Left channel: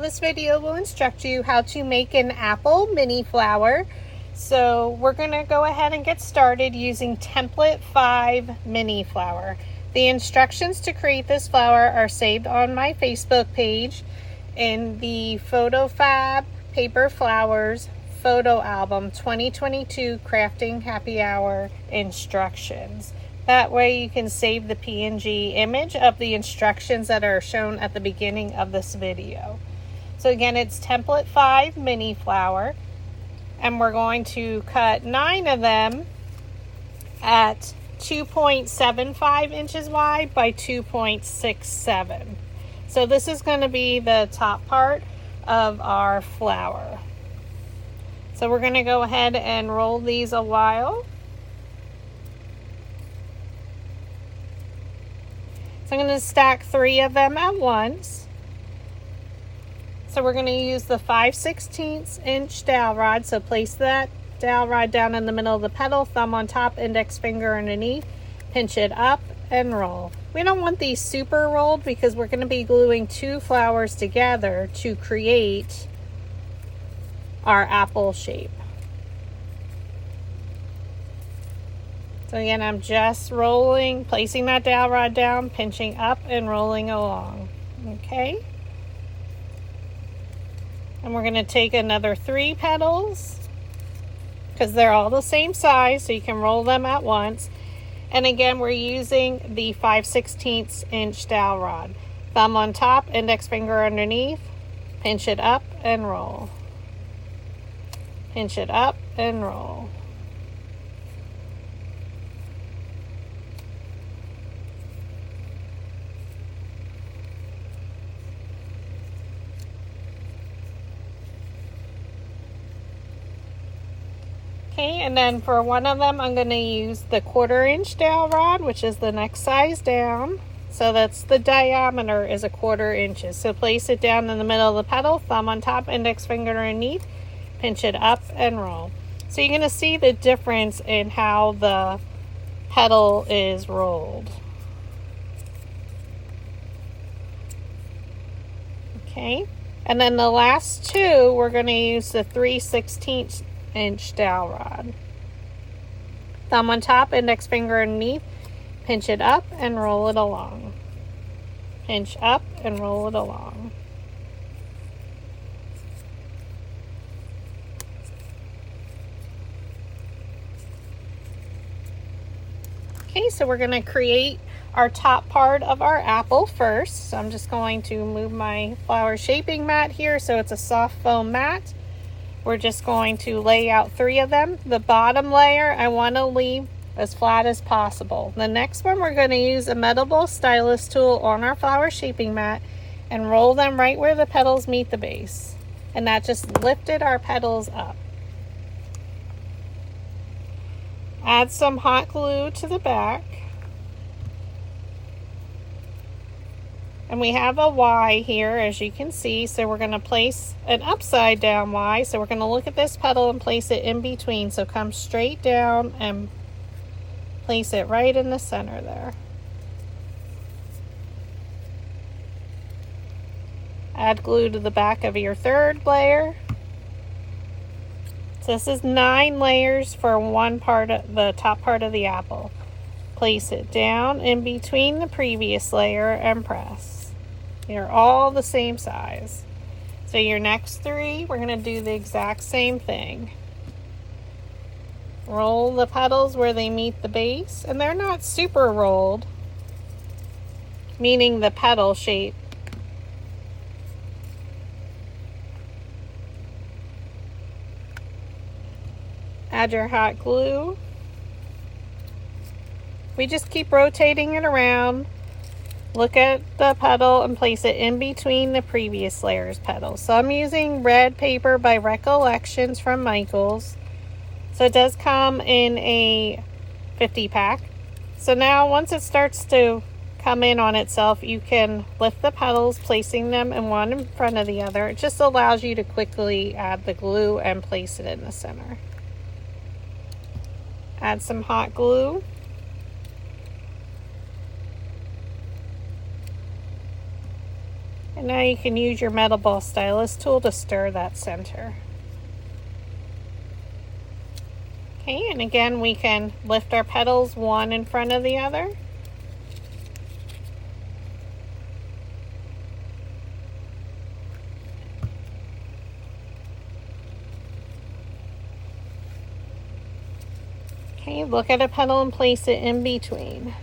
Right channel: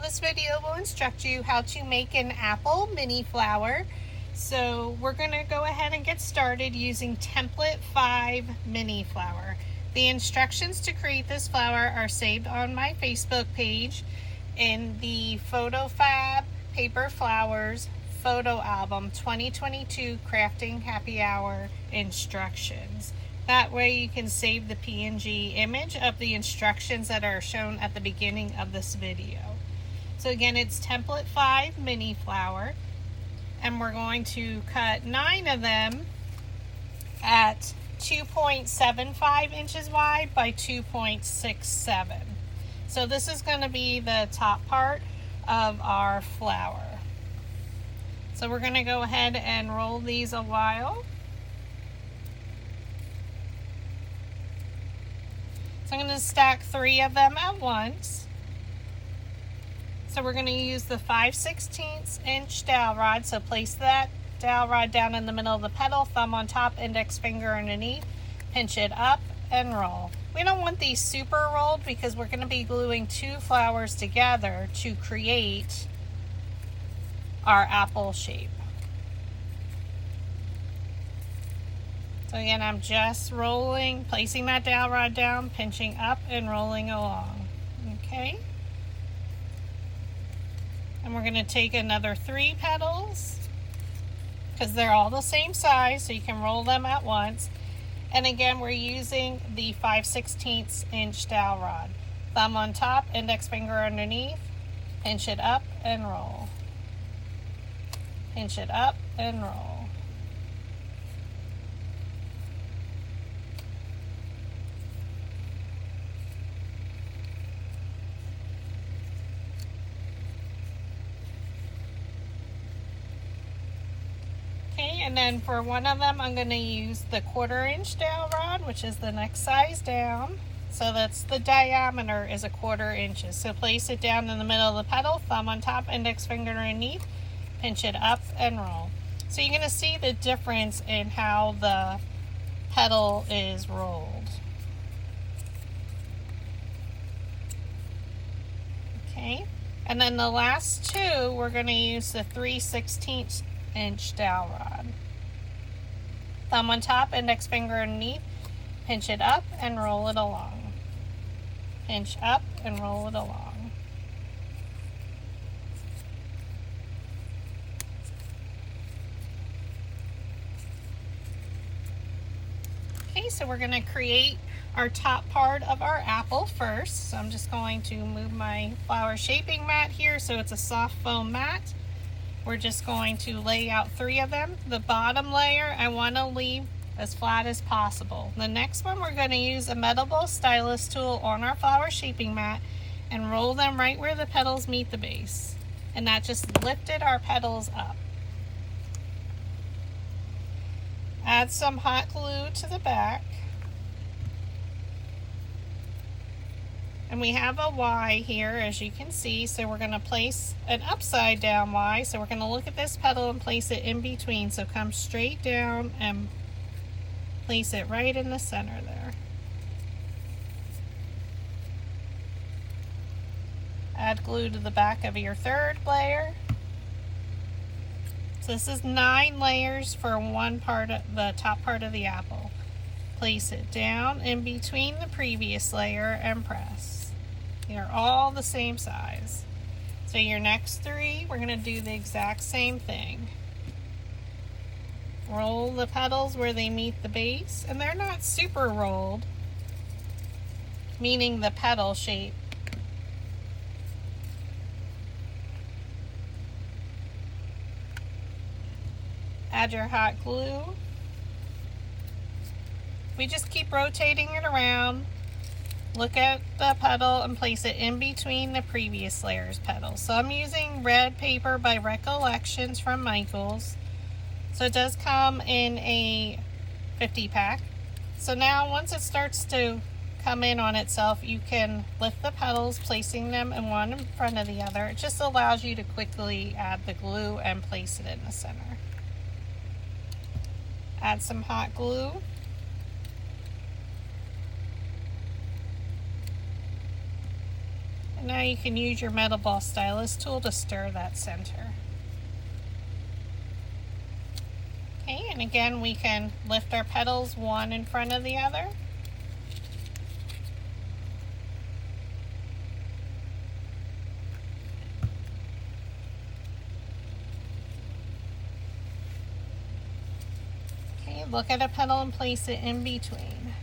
this video will instruct you how to make an apple mini flower. So we're going to go ahead and get started using template 5 mini flower. The instructions to create this flower are saved on my Facebook page in the PhotoFabPaperFlowers photo album 2022 Crafting Happy Hour instructions. That way you can save the PNG image of the instructions that are shown at the beginning of this video. So again, it's template 5 mini flower, and we're going to cut 9 of them at 2.75 inches wide by 2.67. So this is going to be the top part of our flower. So we're going to go ahead and roll these a while. So I'm going to stack 3 of them at once. So we're going to use the 5/16 inch dowel rod. So place that dowel rod down in the middle of the petal, thumb on top, index finger underneath, pinch it up and roll. We don't want these super rolled because we're going to be gluing 2 flowers together to create our apple shape. So again, I'm just rolling, placing that dowel rod down, pinching up and rolling along. Okay. And we're going to take another 3 petals because they're all the same size, so you can roll them at once. And again, we're using the 5/16 inch dowel rod. Thumb on top, index finger underneath, pinch it up and roll. Pinch it up and roll. Okay, and then for one of them, I'm going to use the 1/4 inch dowel rod, which is the next size down. So that's the diameter is 1/4 inches. So place it down in the middle of the petal, thumb on top, index finger underneath, pinch it up and roll. So you're going to see the difference in how the petal is rolled. Okay, and then the last 2, we're going to use the 3/16 inch dowel rod. Thumb on top, index finger underneath, pinch it up and roll it along. Pinch up and roll it along. Okay, so we're going to create our top part of our apple first. So I'm just going to move my flower shaping mat here so it's a soft foam mat. We're just going to lay out 3 of them. The bottom layer I want to leave as flat as possible. The next one, we're going to use a metalable stylus tool on our flower shaping mat and roll them right where the petals meet the base. And that just lifted our petals up. Add some hot glue to the back. And we have a Y here, as you can see, so we're going to place an upside down Y. So we're going to look at this petal and place it in between. So come straight down and place it right in the center there. Add glue to the back of your 3rd layer. So this is 9 layers for one part of the top part of the apple. Place it down in between the previous layer and press. They're all the same size. So your next 3, we're going to do the exact same thing. Roll the petals where they meet the base, and they're not super rolled, meaning the petal shape. Add your hot glue. We just keep rotating it around. Look at the petal and place it in between the previous layer's petals. So I'm using red paper by Recollections from Michaels. So it does come in a 50 pack. So now once it starts to come in on itself, you can lift the petals, placing them in one in front of the other. It just allows you to quickly add the glue and place it in the center. Add some hot glue. And now you can use your metal ball stylus tool to stir that center. Okay, and again we can lift our petals one in front of the other. Okay, look at a petal and place it in between.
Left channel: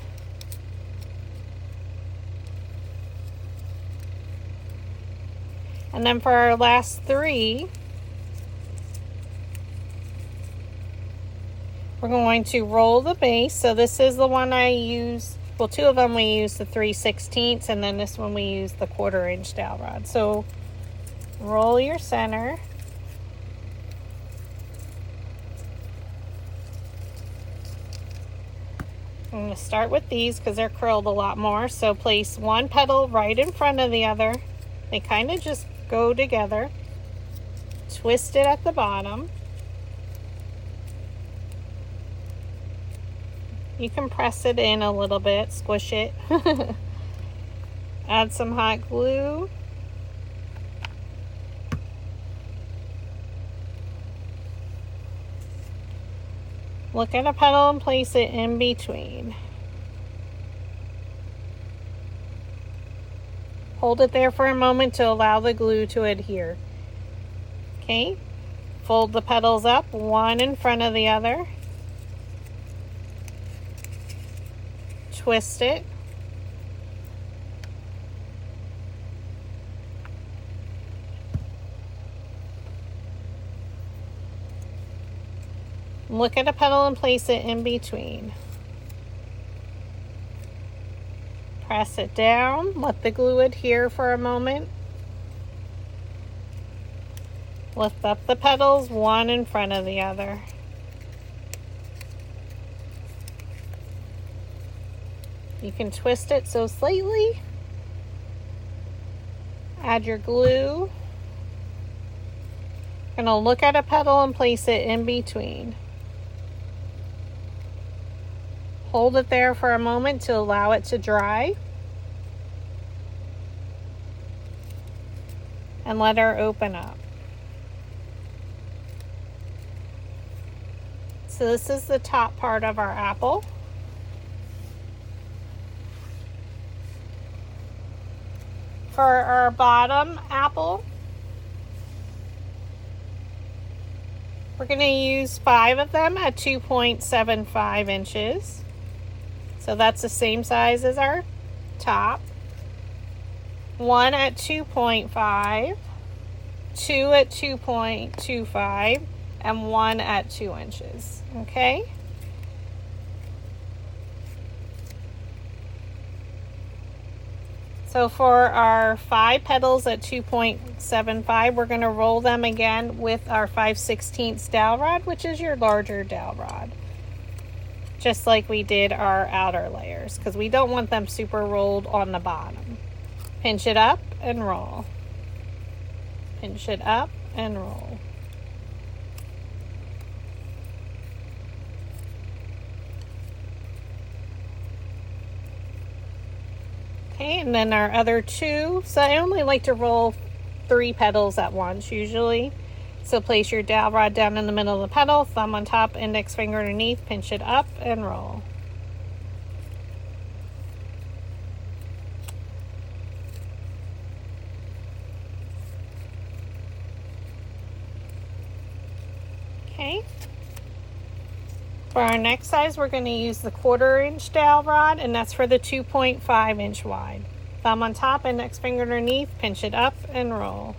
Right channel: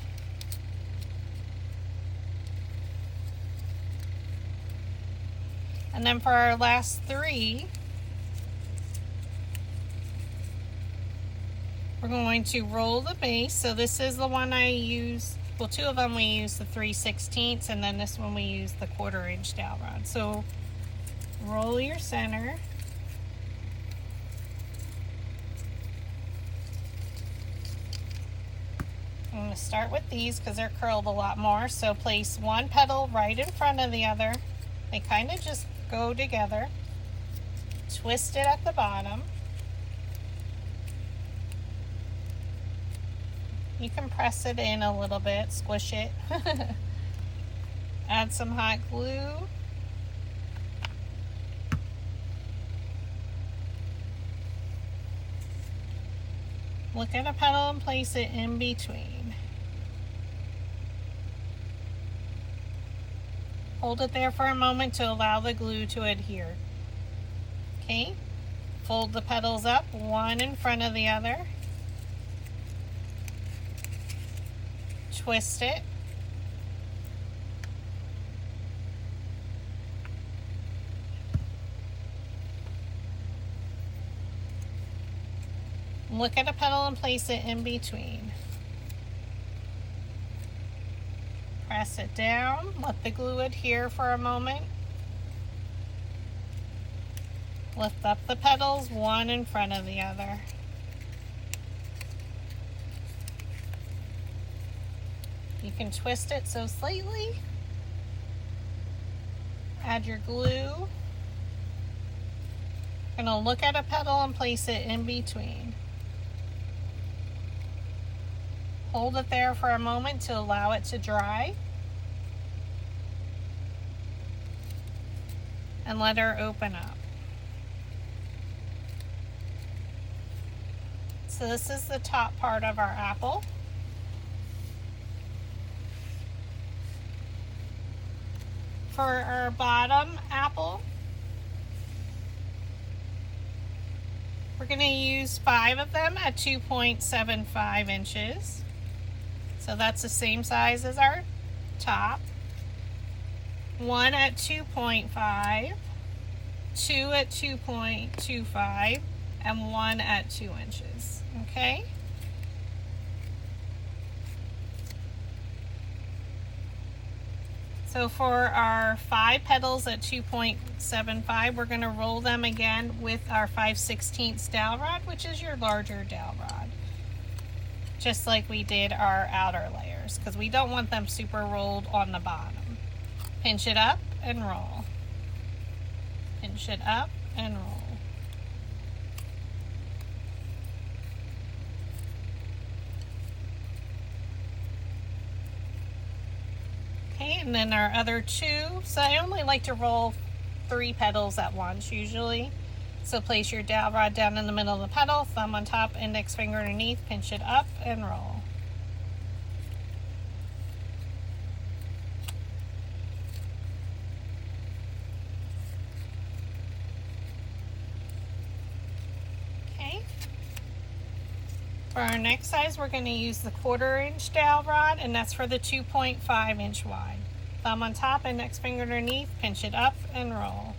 And then for our last three, we're going to roll the base. So this is the one I use, well, two of them we use the 3/16, and then this one we use the 1/4 inch dowel rod. So roll your center. I'm going to start with these because they're curled a lot more. So place one petal right in front of the other. They kind of just go together. Twist it at the bottom. You can press it in a little bit, squish it. Add some hot glue. Look at a petal and place it in between. Hold it there for a moment to allow the glue to adhere. Okay, fold the petals up, one in front of the other. Twist it. Look at a petal and place it in between. Press it down, let the glue adhere for a moment. Lift up the petals, one in front of the other. You can twist it so slightly. Add your glue. Gonna look at a petal and place it in between. Hold it there for a moment to allow it to dry. And let her open up. So this is the top part of our apple. For our bottom apple, we're going to use 5 of them at 2.75 inches. So that's the same size as our top. 1 at 2.5, 2 at 2.25, and 1 at 2 inches. Okay? So for our 5 petals at 2.75, we're going to roll them again with our 5/16 dowel rod, which is your larger dowel rod. Just like we did our outer layers, because we don't want them super rolled on the bottom. Pinch it up and roll. Pinch it up and roll. Okay, and then our other 2. So I only like to roll 3 petals at once usually. So place your dowel rod down in the middle of the petal, thumb on top, index finger underneath, pinch it up and roll. Okay. For our next size, we're going to use the 1/4 inch dowel rod, and that's for the 2.5 inch wide. Thumb on top, index finger underneath, pinch it up and roll.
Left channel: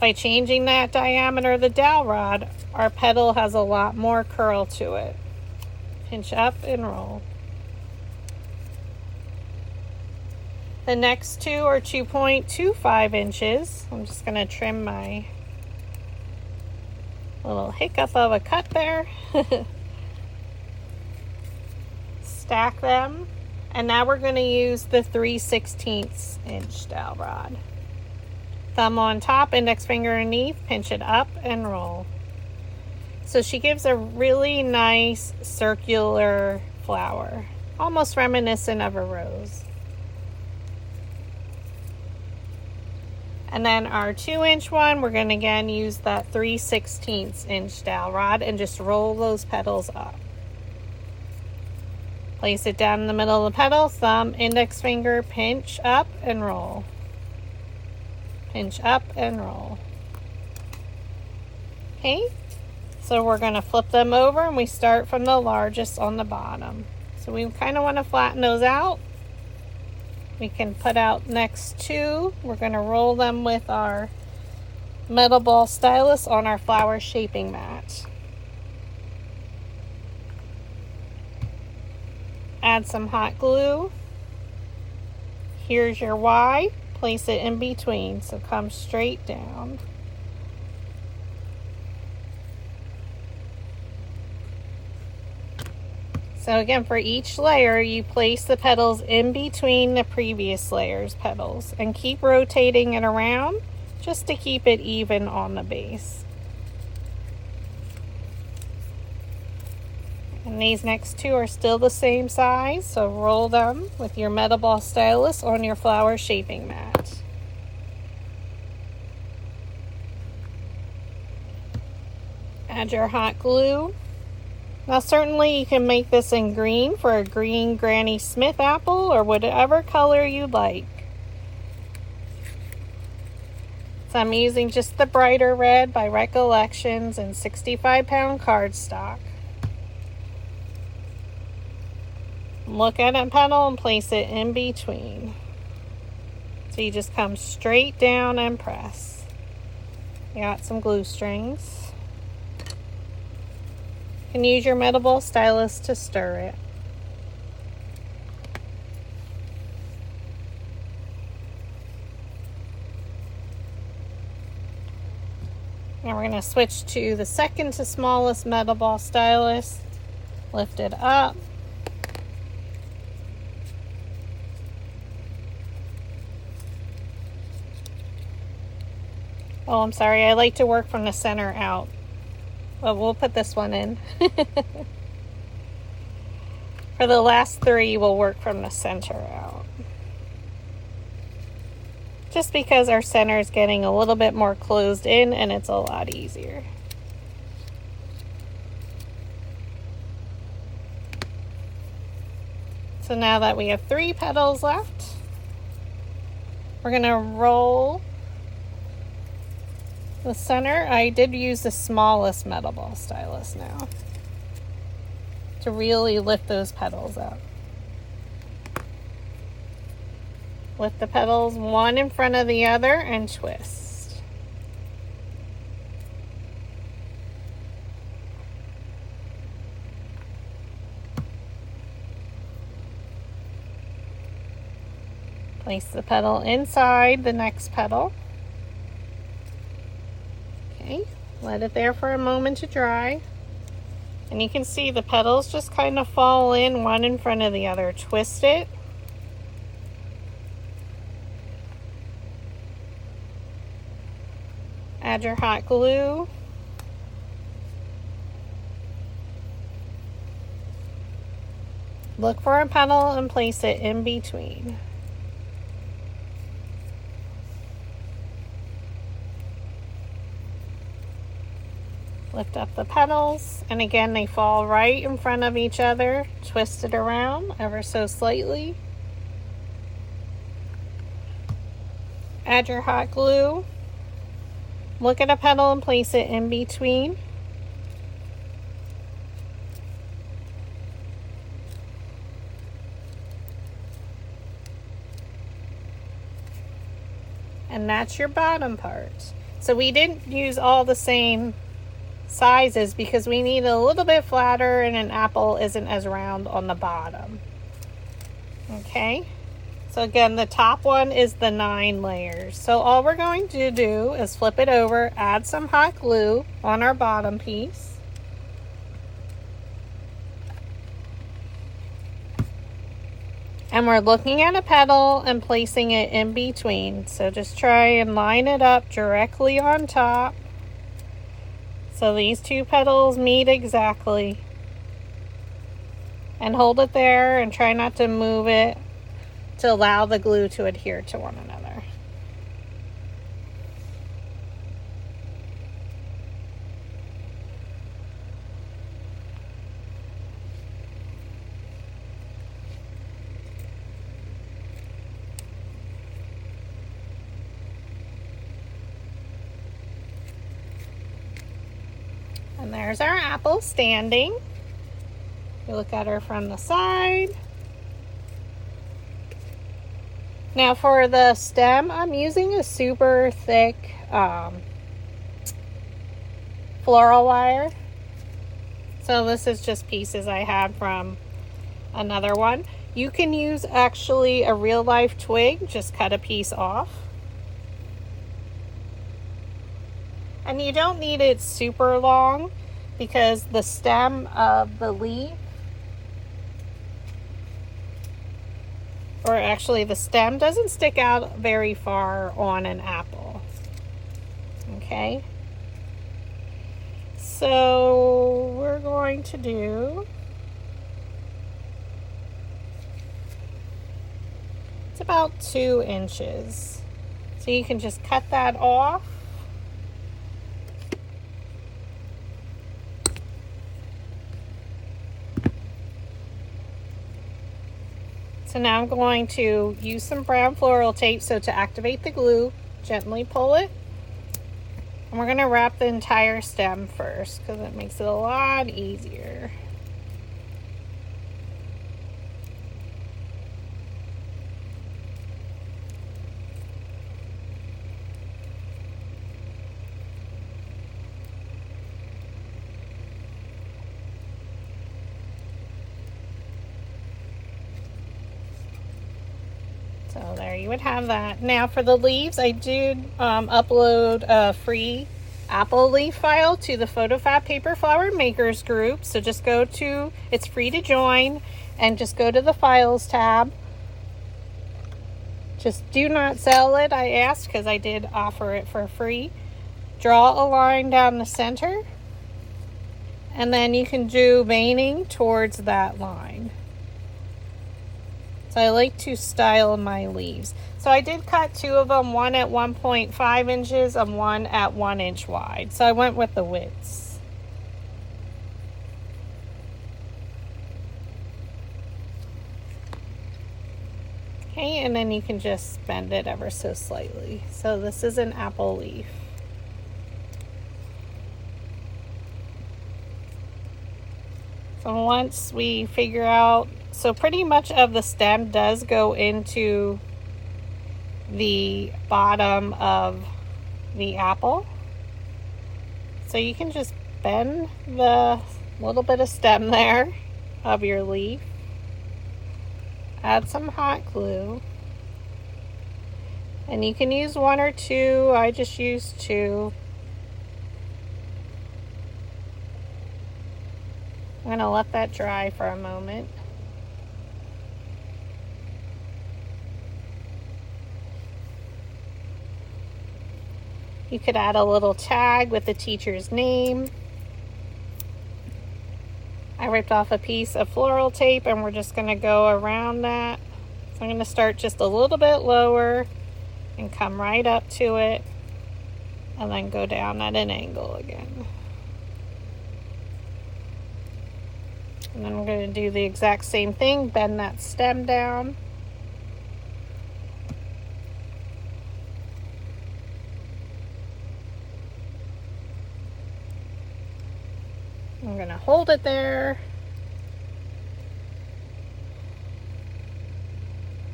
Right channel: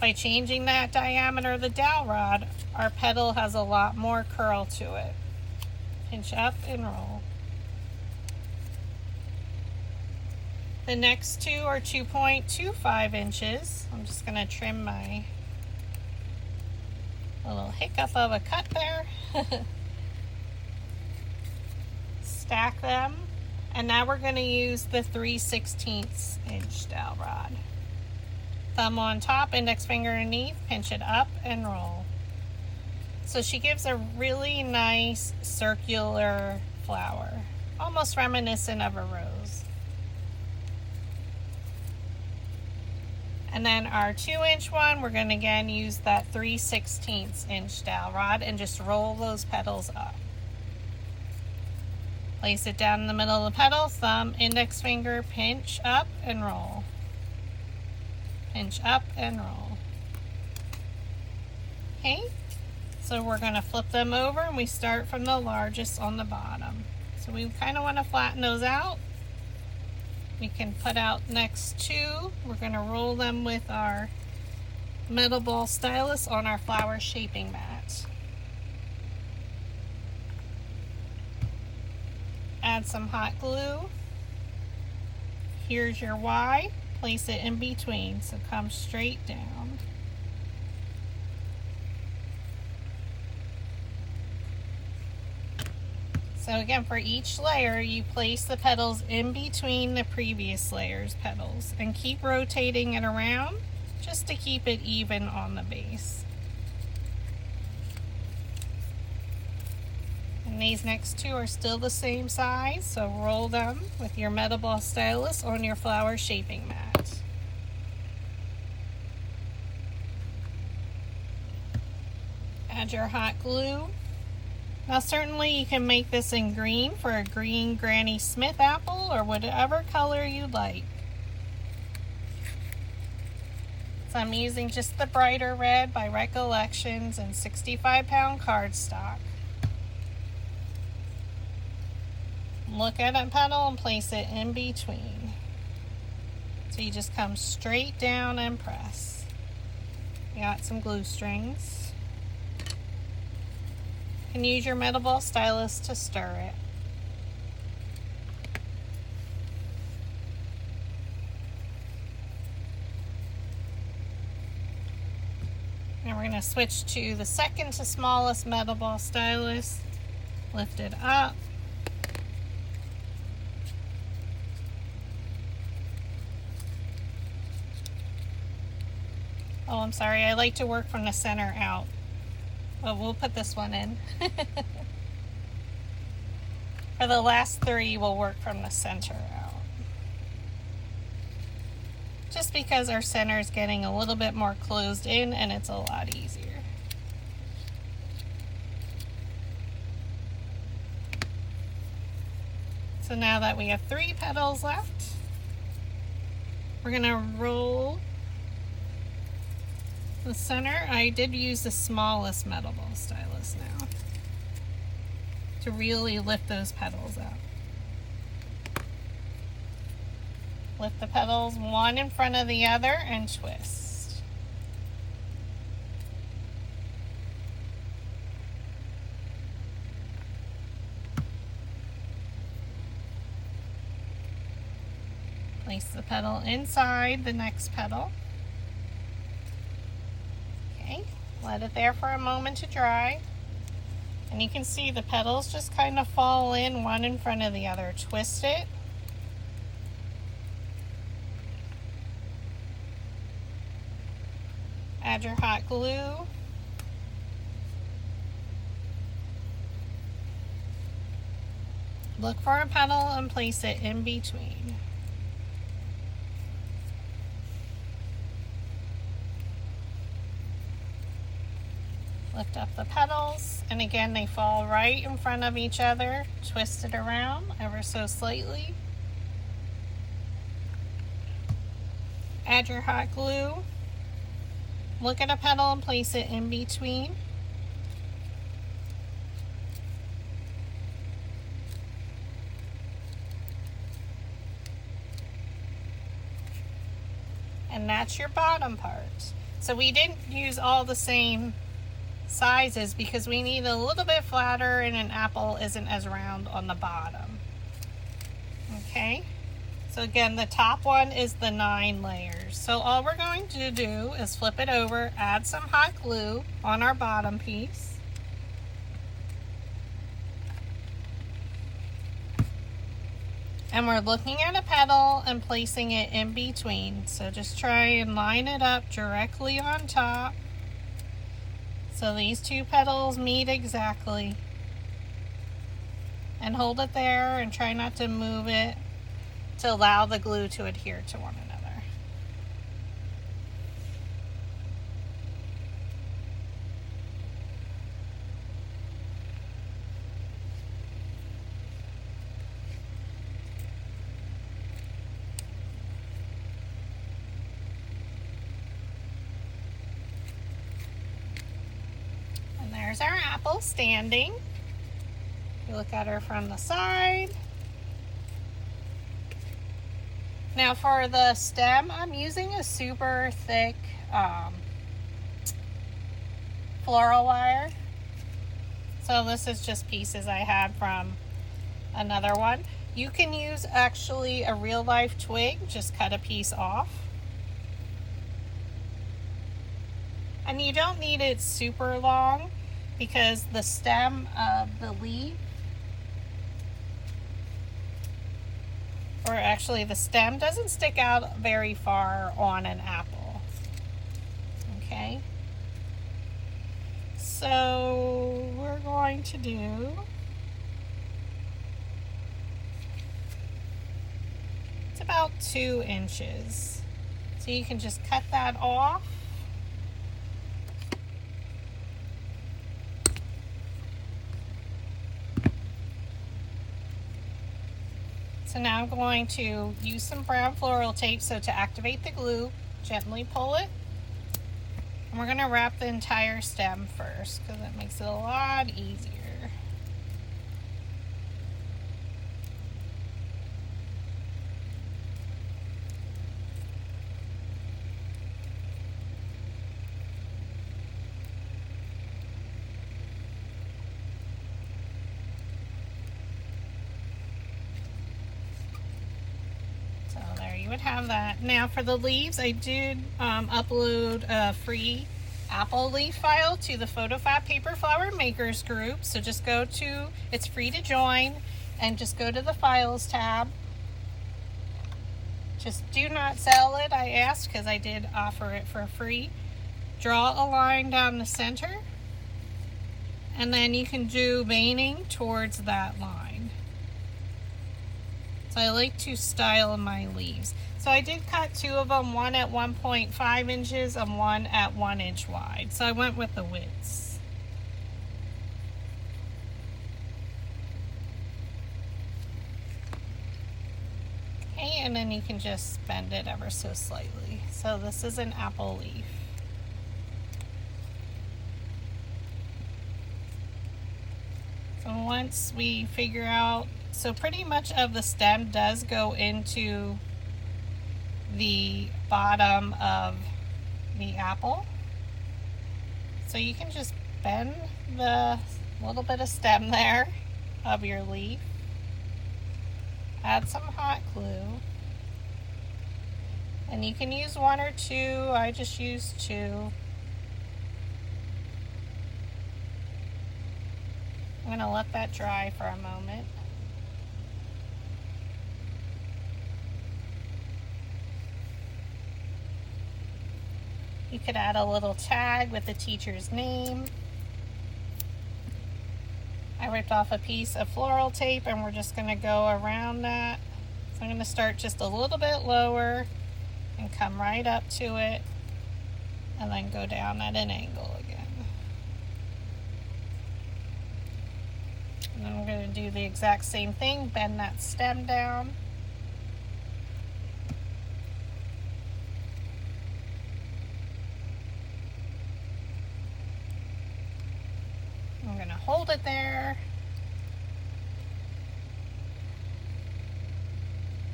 By changing that diameter of the dowel rod, our petal has a lot more curl to it. Pinch up and roll. The next 2 are 2.25 inches. I'm just going to trim my little hiccup of a cut there. Stack them. And now we're going to use the 3/16 inch dowel rod. Thumb on top, index finger underneath, pinch it up and roll. So she gives a really nice circular flower, almost reminiscent of a rose. And then our 2-inch one, we're going to again use that 3/16 inch dowel rod and just roll those petals up. Place it down in the middle of the petal, thumb, index finger, pinch up and roll. Pinch up and roll. Okay, so we're going to flip them over and we start from the largest on the bottom. So we kind of want to flatten those out. We can put out next two. We're going to roll them with our metal ball stylus on our flower shaping mat. Add some hot glue. Here's your Y. Place it in between, so come straight down. So again, for each layer, you place the petals in between the previous layer's petals and keep rotating it around just to keep it even on the base. And these next two are still the same size, so roll them with your metal ball stylus on your flower shaping mat. Add your hot glue. Now certainly you can make this in green for a green Granny Smith apple or whatever color you like. So I'm using just the brighter red by Recollections and 65-pound cardstock. Look at a petal and place it in between. So you just come straight down and press. You got some glue strings. You can use your metal ball stylus to stir it. Now we're going to switch to the second to smallest metal ball stylus. Lift it up. Oh, I'm sorry, I like to work from the center out. But we'll put this one in. For the last three, we'll work from the center out. Just because our center is getting a little bit more closed in and it's a lot easier. So now that we have 3 petals left, we're going to roll the center. I did use the smallest metal ball stylus now to really lift those petals up. Lift the petals one in front of the other and twist. Place the petal inside the next petal. Let it there for a moment to dry. And you can see the petals just kind of fall in one in front of the other. Twist it. Add your hot glue. Look for a petal and place it in between. Lift up the petals, and again they fall right in front of each other. Twist it around ever so slightly. Add your hot glue. Look at a petal and place it in between. And that's your bottom part. So we didn't use all the same sizes because we need a little bit flatter and an apple isn't as round on the bottom. Okay, so again the top one is the 9 layers. So all we're going to do is flip it over, add some hot glue on our bottom piece, and we're looking at a petal and placing it in between. So just try and line it up directly on top. So these 2 petals meet exactly. And hold it there and try not to move it to allow the glue to adhere to one another. there's our apple standing. You look at her from the side. Now for the stem, I'm using a super thick floral wire. So this is just pieces I had from another one. You can use actually a real life twig, just cut a piece off. And you don't need it super long because the stem of the leaf, or actually the stem, doesn't stick out very far on an apple. Okay. So we're going to do, it's about 2 inches. So you can just cut that off. So now I'm going to use some brown floral tape. So to activate the glue, gently pull it. And we're going to wrap the entire stem first because it makes it a lot easier. So there you would have that. Now for the leaves, I did upload a free apple leaf file to the PhotoFabPaperFlower Makers group. So just go to, it's free to join, and just go to the Files tab. Just do not sell it, I asked, because I did offer it for free. Draw a line down the center, and then you can do veining towards that line. So I like to style my leaves. So I did cut 2 of them, one at 1.5 inches and one at 1 inch wide. So I went with the widths. Okay, and then you can just bend it ever so slightly. So this is an apple leaf. So once we figure out, so pretty much of the stem does go into the bottom of the apple. So you can just bend the little bit of stem there of your leaf. Add some hot glue. And you can use 1 or 2. I just used 2. I'm going to let that dry for a moment. You could add a little tag with the teacher's name. I ripped off a piece of floral tape and we're just going to go around that. So I'm going to start just a little bit lower and come right up to it and then go down at an angle again. And then we're going to do the exact same thing, bend that stem down. I'm going to hold it there.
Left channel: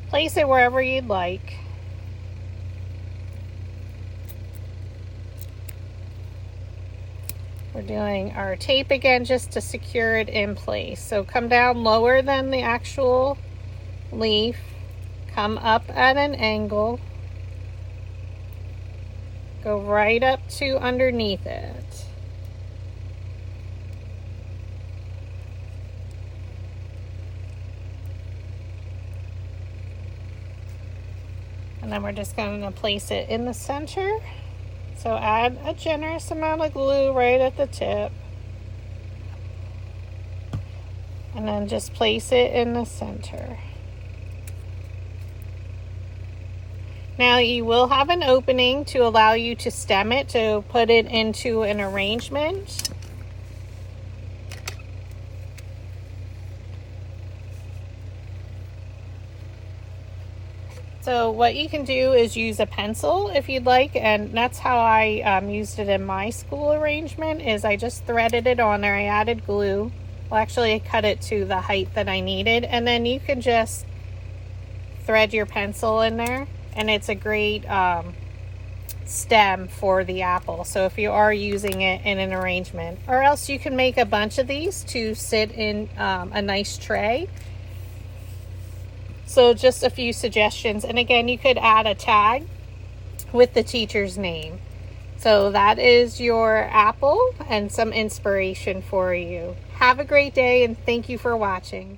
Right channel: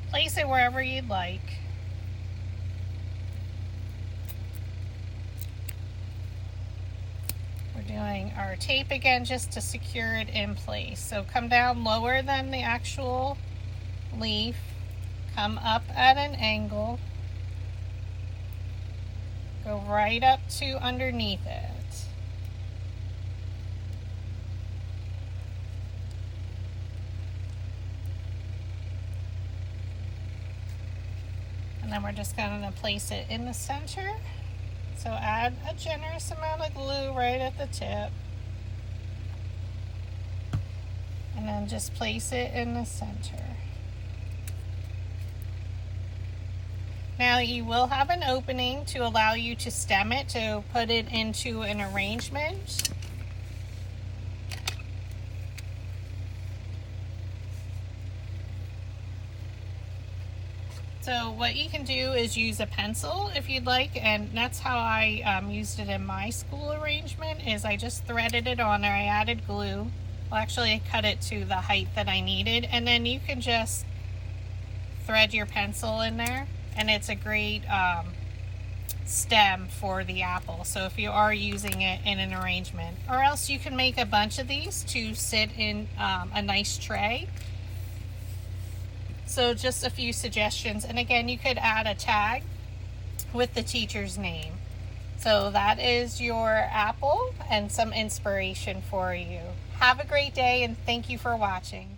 Place it wherever you'd like. We're doing our tape again just to secure it in place. So come down lower than the actual leaf. Come up at an angle. Go right up to underneath it. And then we're just going to place it in the center. So add a generous amount of glue right at the tip. And then just place it in the center. Now you will have an opening to allow you to stem it, to put it into an arrangement. So what you can do is use a pencil if you'd like, and that's how I used it in my school arrangement, is I just threaded it on there. I added glue. Well, actually I cut it to the height that I needed, and then you can just thread your pencil in there, and it's a great stem for the apple. So if you are using it in an arrangement, or else you can make a bunch of these to sit in a nice tray. So just a few suggestions, and again, you could add a tag with the teacher's name. So that is your apple and some inspiration for you. Have a great day, and thank you for watching.